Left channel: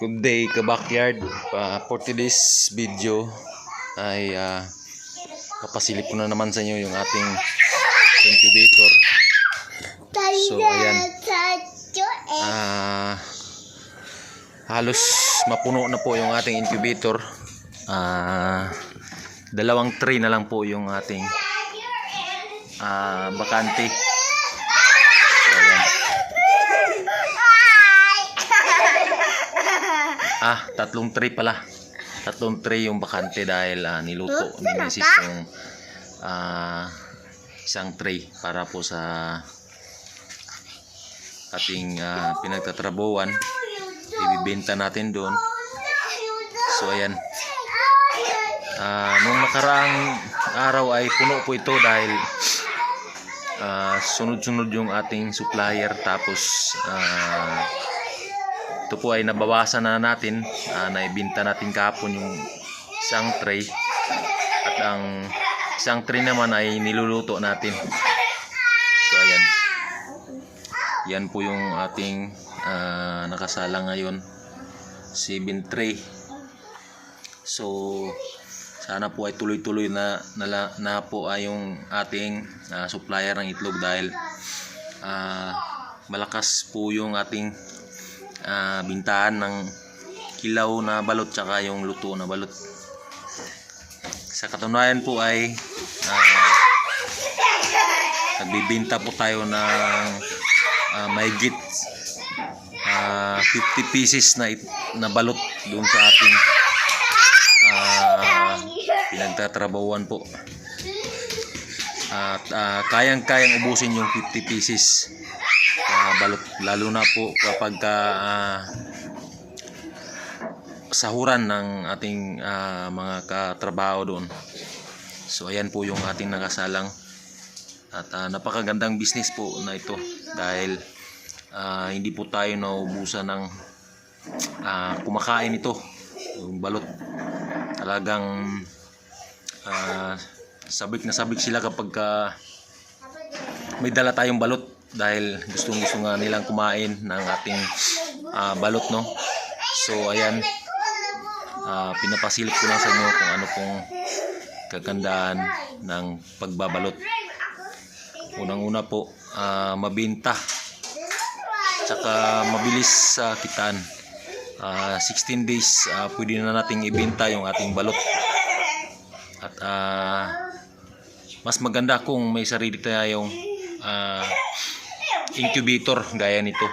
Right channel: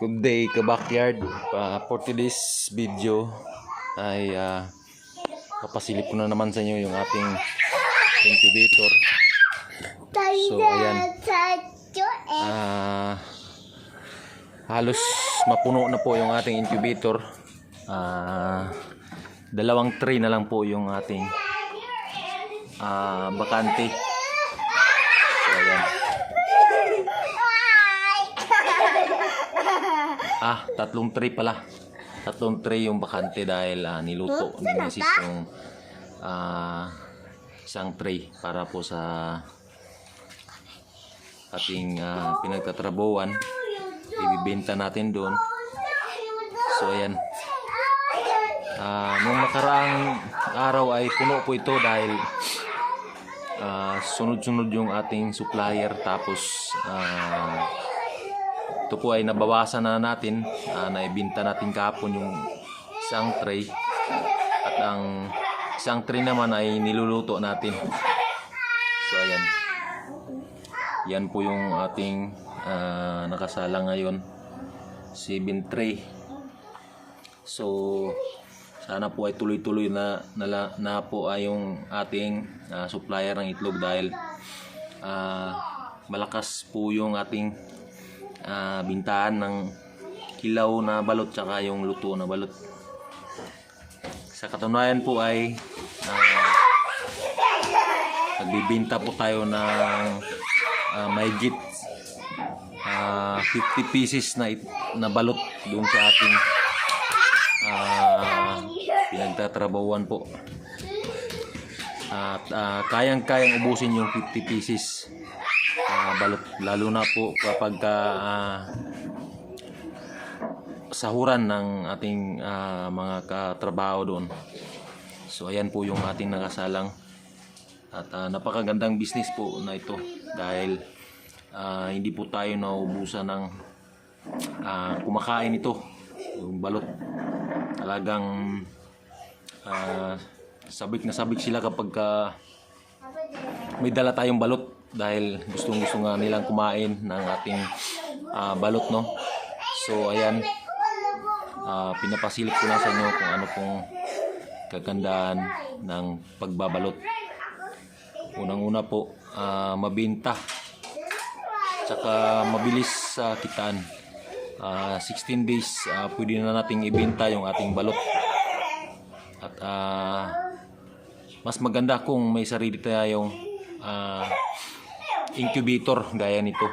Good day ka-backyard. For today's video ay papasilip ko na naman sa inyo yung ating incubator. So ayan, halos mapuno na po yung ating incubator. Dalawang tray na lang po yung ating bakante. So ayan, tatlong tray pala. Tatlong tray yung bakante dahil niluto ni Mrs. yung isang tray para po sa ating pinagtatrabuhan. Ibibenta natin doon. So ayan, nung nakaraang araw ay puno po ito dahil sunod-sunod yung ating supplier. Tapos ito po ay nabawasan na natin, naibenta natin kahapon yung isang tray, at ang isang tray naman ay niluluto natin. So ayan, yan po yung ating nakasala ngayon, 7 tray. So sana po ay tuloy-tuloy na po ay yung ating supplier ng itlog dahil malakas po yung ating bintahan ng kilaw na balot tsaka yung luto na balot. Sa katunayan po ay nagbibenta po tayo ng mahigit 50 pieces na balot doon sa ating pinagtatrabahuan po. At kayang-kayang ubusin yung 50 pieces balot, lalo na po kapag sahuran ng ating mga katrabaho doon. So ayan po yung ating nakasalang, at napakagandang business po na ito dahil hindi po tayo naubusan ng kumakain ito, yung balot. Talagang sabik na sabik sila kapag may dala tayong balot dahil gustong-gusto nga nilang kumain ng ating balot, no? So ayan, pinapasilip ko lang sa inyo kung ano pong kagandahan ng pagbabalot. Unang-una po, mabenta tsaka mabilis sa kitaan. 16 days pwede na nating ibenta yung ating balot. At mas maganda kung may sarili tayong incubator gaya nito,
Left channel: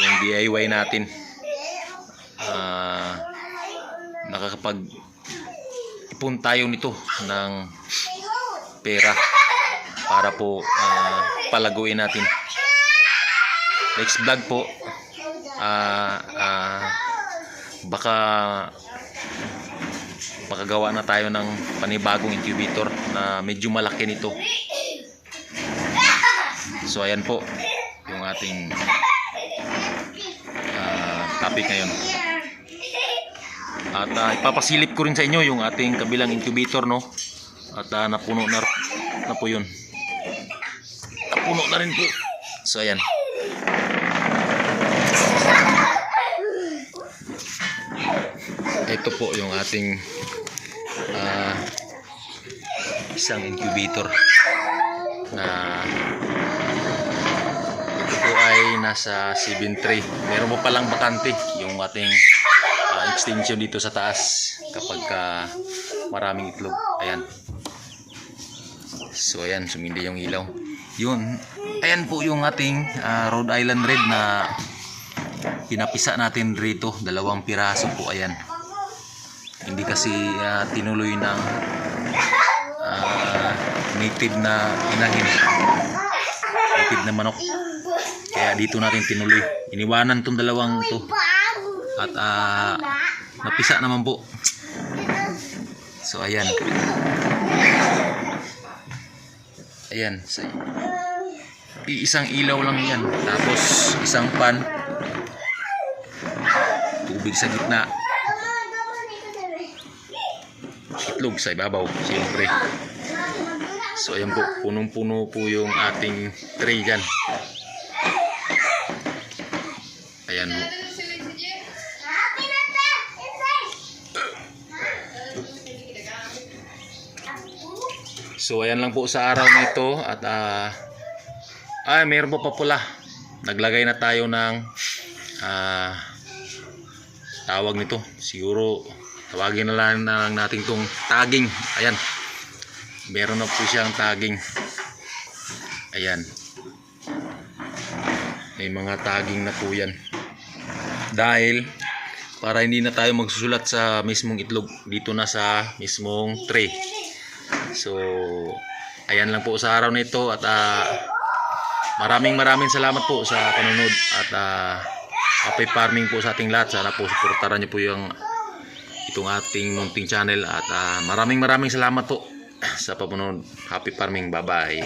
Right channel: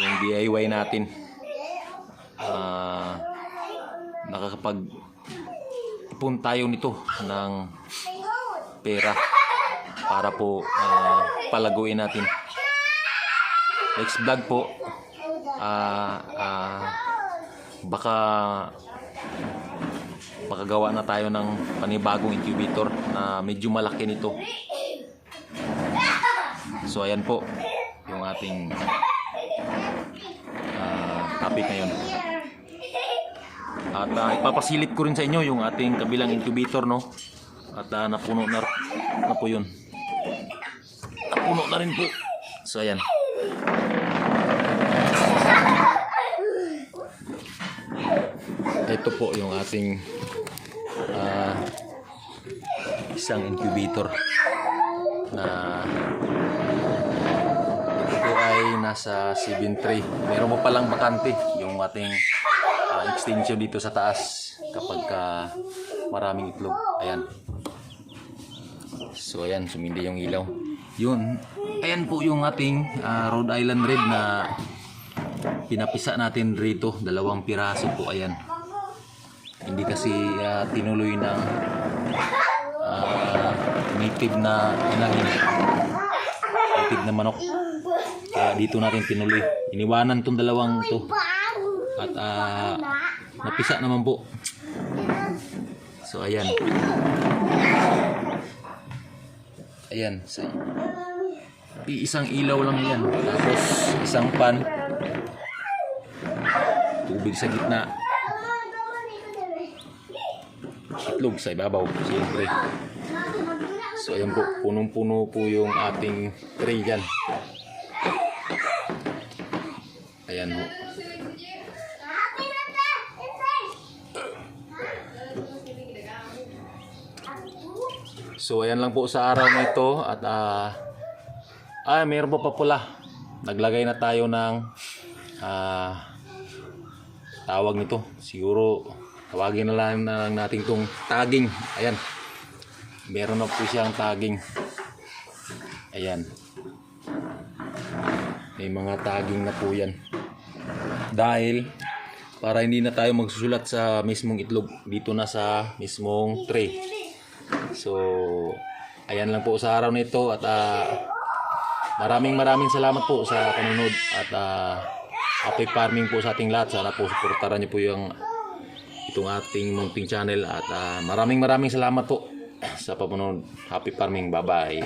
yung DIY natin. Nakakapag ipon tayo nito ng pera para po palaguin natin. Next vlog po, baka makagawa na tayo ng panibagong incubator na medyo malaki nito. So ayan po yung ating topic ngayon. At ipapasilip ko rin sa inyo yung ating kabilang incubator, no? At napuno na po yun. Napuno na rin po. So ayan. Ito po yung ating isang incubator na ito po ay nasa 7 tray. Meron mo palang bakante yung ating extension dito sa taas kapag maraming itlog. Ayan. So ayan, sumindi yung ilaw. Yun. Ayan po yung ating Rhode Island Red na pinapisa natin rito. 2 piraso po. Ayan. Hindi kasi tinuloy ng native na inahin, native na manok, kaya dito natin tinuloy. Iniwanan tong 2 to at napisa naman po. So ayan, ayan, so, isang ilaw lang yan, tapos isang pan, tubig sa gitna, itlog sa ibabaw siyempre. So ayan po, punong-puno po yung ating tray dyan. Ayan po. So ayan lang po sa araw na ito at mayroon pa pula. Naglagay na tayo ng tawag nito. Siguro tawagin na lang natin tong tagging. Ayan. Meron na po siyang tagging. Ayan. May mga tagging na po yan. Dahil para hindi na tayo magsusulat sa mismong itlog, dito na sa mismong tray. So ayan lang po sa araw na ito at maraming salamat po sa panonood at happy farming po sa ating lahat. Sana po suportahan niyo po itong ating munting channel at maraming salamat po sa panonood. Happy farming. Bye bye.